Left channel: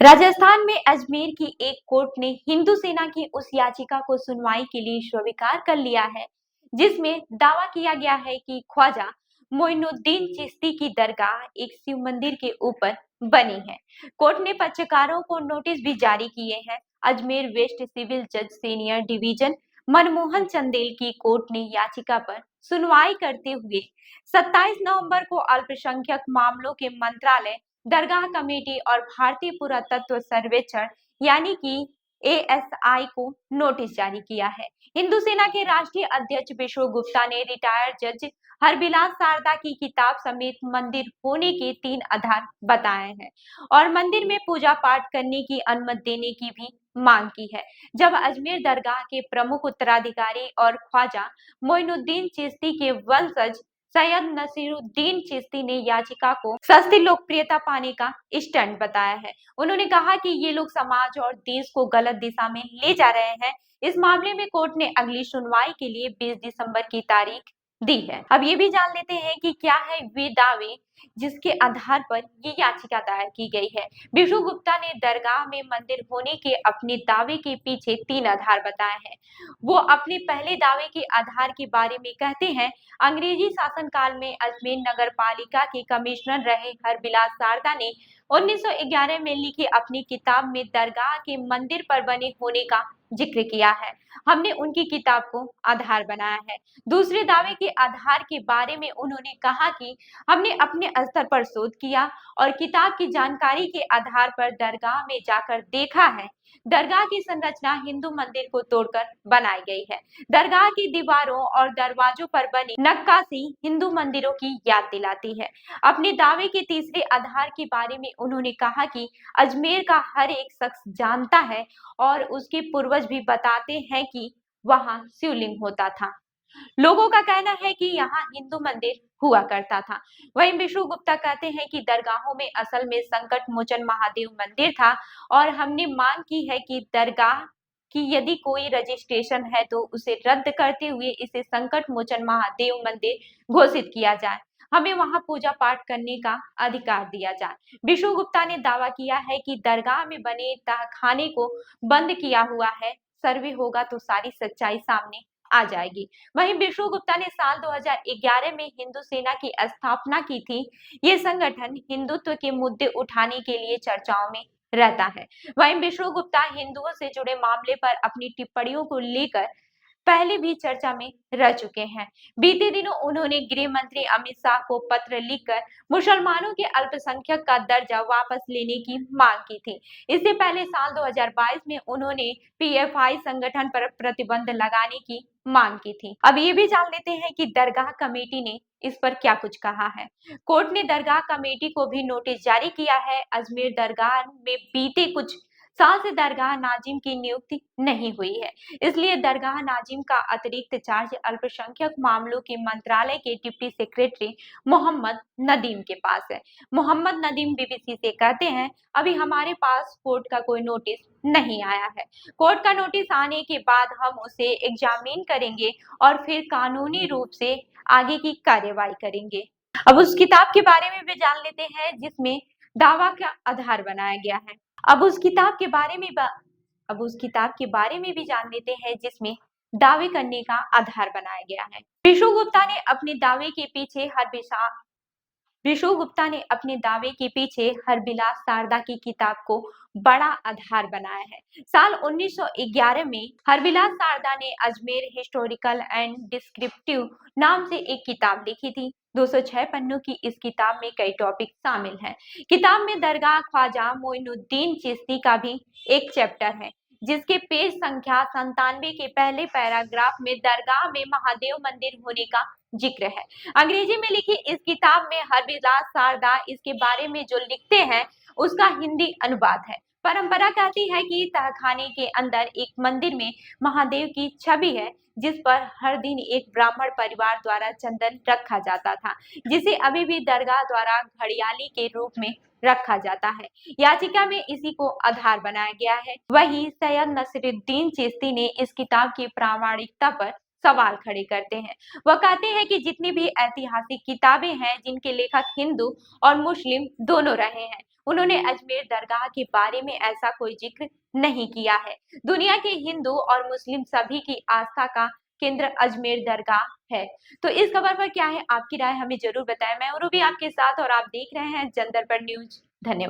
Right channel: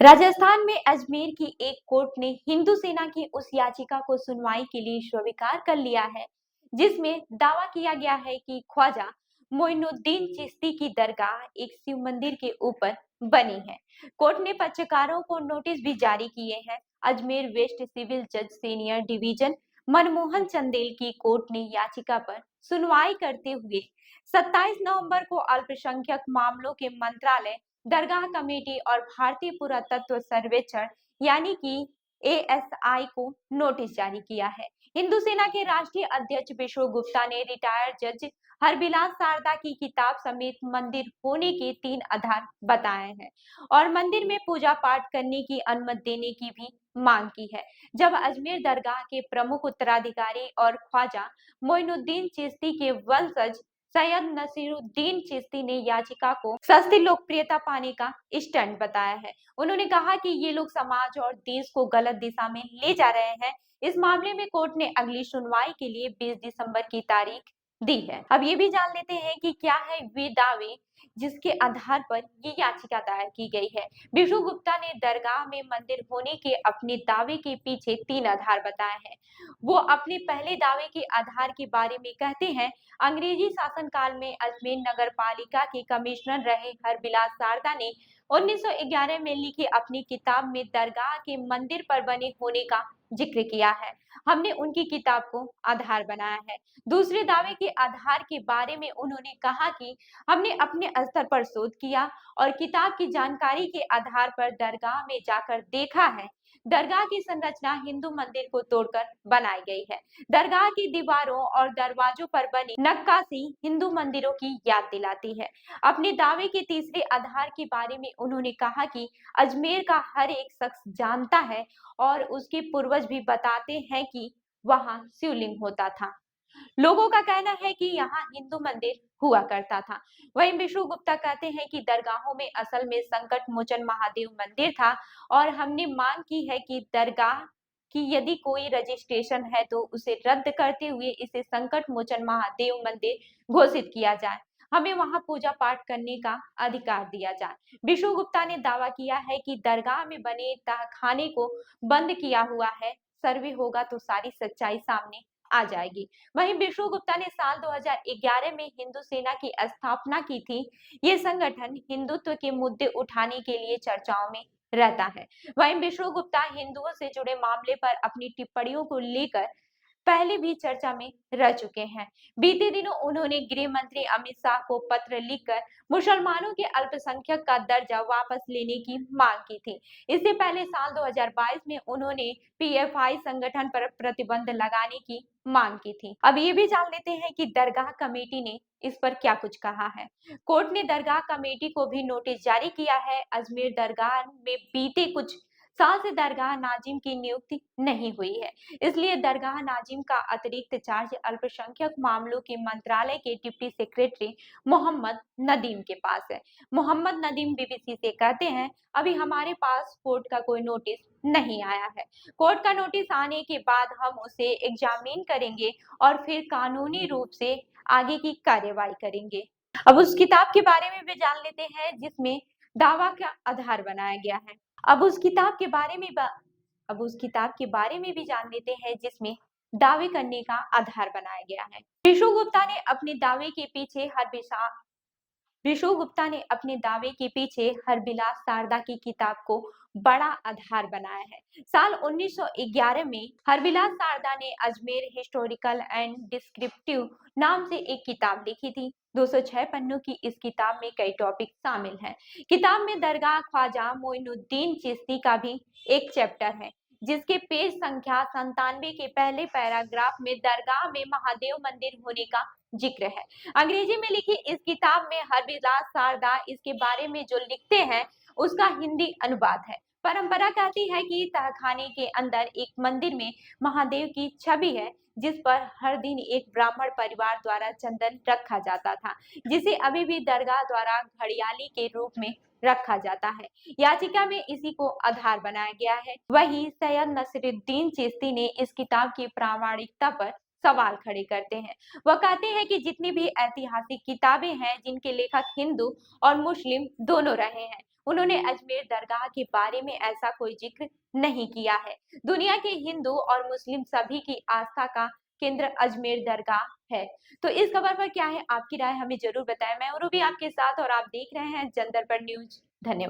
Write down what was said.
राजस्थान में अजमेर की एक कोर्ट ने हिंदू सेना की उस याचिका को सुनवाई के लिए स्वीकार कर लिया है, जिसमें दावा किया गया है कि ख्वाजा मोइनुद्दीन चिश्ती की दरगाह एक शिव मंदिर के ऊपर बनी है। कोर्ट ने पक्षकारों को नोटिस भी जारी किए हैं। अजमेर वेस्ट सिविल जज सीनियर डिवीजन मनमोहन चंदेल की कोर्ट ने याचिका पर सुनवाई करते हुए 27 नवंबर को अल्पसंख्यक मामलों के मंत्रालय, दरगाह कमेटी और भारतीय पुरातत्व सर्वेक्षण यानी कि एएसआई को नोटिस जारी किया है। हिंदू सेना के राष्ट्रीय अध्यक्ष विष्णु गुप्ता ने रिटायर्ड जज हरबिलास शारदा की किताब समेत मंदिर होने के 3 आधार बताए हैं और मंदिर में पूजा पाठ करने की अनुमति देने की भी मांग की है। जब अजमेर दरगाह के प्रमुख उत्तराधिकारी और ख्वाजा मोइनुद्दीन चिश्ती के वंशज सैयद नसीरुद्दीन चिश्ती ने याचिका को सस्ती लोकप्रियता पाने का स्टंट बताया है। उन्होंने कहा कि ये लोग समाज और देश को गलत दिशा में ले जा रहे हैं। इस मामले में कोर्ट ने अगली सुनवाई के लिए 20 दिसंबर की तारीख दी है। अब ये भी जान लेते हैं कि क्या है वे दावे जिसके आधार पर ये याचिका दायर की गई है। विष्णु गुप्ता ने दरगाह में मंदिर होने के अपने दावे के पीछे 3 आधार बताए हैं। वो अपने पहले दावे के आधार के बारे में कहते हैं, अंग्रेजी शासनकाल में अजमेर नगर पालिका के कमिश्नर रहे हरबिलास शारदा ने 1911 में लिखी अपनी किताब में दरगाह के मंदिर पर बने होने का जिक्र किया है। हमने उनकी किताब को आधार बनाया है। दूसरे दावे के आधार के बारे में उन्होंने कहा कि हमने अपने स्तर पर शोध किया और किताब की जानकारी के आधार पर दरगाह में जाकर देखा है। दरगाह की संरचना हिंदू मंदिर को तोड़कर बनाई गई है। दरगाह की दीवारों और दरवाजों पर बनी नक्काशी हिंदू मंदिरों की याद दिलाती है। अपने दावे के तीसरे आधार के बारे में उन्होंने कहा कि अजमेर का हर एक शख्स जानता है और उसके पूर्वज भी बताते हैं कि वहां शिवलिंग होता था। लोगों का कहना है कि यहाँ हिंदू मंदिर हुआ करता था। वहीं विष्णु गुप्ता कहते हैं कि दरगाहों में असल में संकट मोचन महादेव मंदिर था और हमने मांग की है कि दरगाह कि यदि कोई रजिस्ट्रेशन है तो उसे रद्द करते हुए इसे संकट मोचन महादेव मंदिर घोषित किया जाए। हमें वहां पूजा पाठ करने का अधिकार दिया जाए। विष्णु गुप्ता ने दावा किया है कि दरगाह में बने तहखाने को बंद किया हुआ है। सर्वे होगा तो सारी सच्चाई सामने आ जाएगी। वहीं विष्णु गुप्ता ने साल 2011 में हिंदू सेना की स्थापना की थी। ये संगठन हिंदुत्व के मुद्दे उठाने के लिए चर्चाओं में रहता है। वहीं विष्णु गुप्ता हिंदुओं से जुड़े मामले पर अपनी टिप्पणियों को लेकर पहले भी चर्चा में रह चुके हैं। बीते दिनों उन्होंने गृह मंत्री अमित शाह को पत्र लिखकर मुसलमानों के अल्पसंख्यक का दर्जा वापस लेने की मांग की थी। इससे पहले साल 2022 में उन्होंने पीएफआई संगठन पर प्रतिबंध लगाने की मांग की थी। अब ये भी जान लेते हैं कि दरगाह कमेटी ने इस पर क्या कुछ कहा है। कोर्ट ने दरगाह कमेटी को भी नोटिस जारी किया है। अजमेर दरगाह में बीते कुछ साल से दरगाह नाजिम की नियुक्ति नहीं हुई है, इसलिए दरगाह नाजिम का अतिरिक्त चार्ज अल्पसंख्यक मामलों के मंत्रालय के डिप्टी सेक्रेटरी मोहम्मद नदीम के पास है। मोहम्मद नदीम बीबीसी से कहते हैं, अभी हमारे पास कोर्ट का कोई नोटिस नहीं आया है। कोर्ट का नोटिस आने के बाद हम उसे एग्जामिन करेंगे और फिर कानूनी रूप से आगे की कार्यवाही करेंगे। अब उस किताब के बारे में भी जान लेते हैं जिसमें दावा का आधार बनाया गया है। अब उस किताब के बारे में अब उस किताब के बारे में भी जान लेते हैं जिसमें दावे करने का आधार बनाया गया है। विष्णु गुप्ता ने अपने दावे के पीछे विष्णु गुप्ता ने अपने दावे के पीछे हरबिलास शारदा की किताब को बड़ा आधार बनाया है। साल 1911 में हरबिलास शारदा ने अजमेर हिस्टोरिकल एंड डिस्क्रिप्टिव नाम से एक किताब लिखी थी। 206 पन्नों की इस किताब में कई टॉपिक शामिल हैं। किताब में दरगाह ख्वाजा मोइनुद्दीन चिश्ती का भी एक चैप्टर है, जिसके पेज संख्या 97 के पहले पैराग्राफ में दरगाह में महादेव मंदिर होने का जिक्र है। अंग्रेजी में लिखी इस किताब में हरबिलास शारदा इसके बारे में जो लिखते हैं उसका हिंदी अनुवाद है। परंपरा कहती है कि तहखाने के अंदर एक मंदिर में महादेव की छवि है, जिस पर हर दिन एक ब्राह्मण परिवार द्वारा चंदन रखा जाता था, जिसे अभी भी दरगाह द्वारा घड़ियाली के रूप में रखा जाता है। याचिका में इसी को आधार बनाया गया है। वही सैयद नसीरुद्दीन चिश्ती ने इस किताब की प्रामाणिकता पर सवाल खड़े करते हैं। वह कहते हैं कि जितनी भी ऐतिहासिक किताबें हैं जिनके लेखक हिंदू और मुस्लिम दोनों रहे हैं, उन्होंने अजमेर दरगाह के बारे में ऐसा कोई जिक्र नहीं किया है। दुनिया के हिंदू और मुस्लिम सभी की आस्था का केंद्र अजमेर दरगाह है। तो इस खबर पर क्या है आपकी राय, हमें जरूर बताएं। मैं उर्वी आपके साथ और आप देख रहे हैं जन दर्पण न्यूज। धन्यवाद।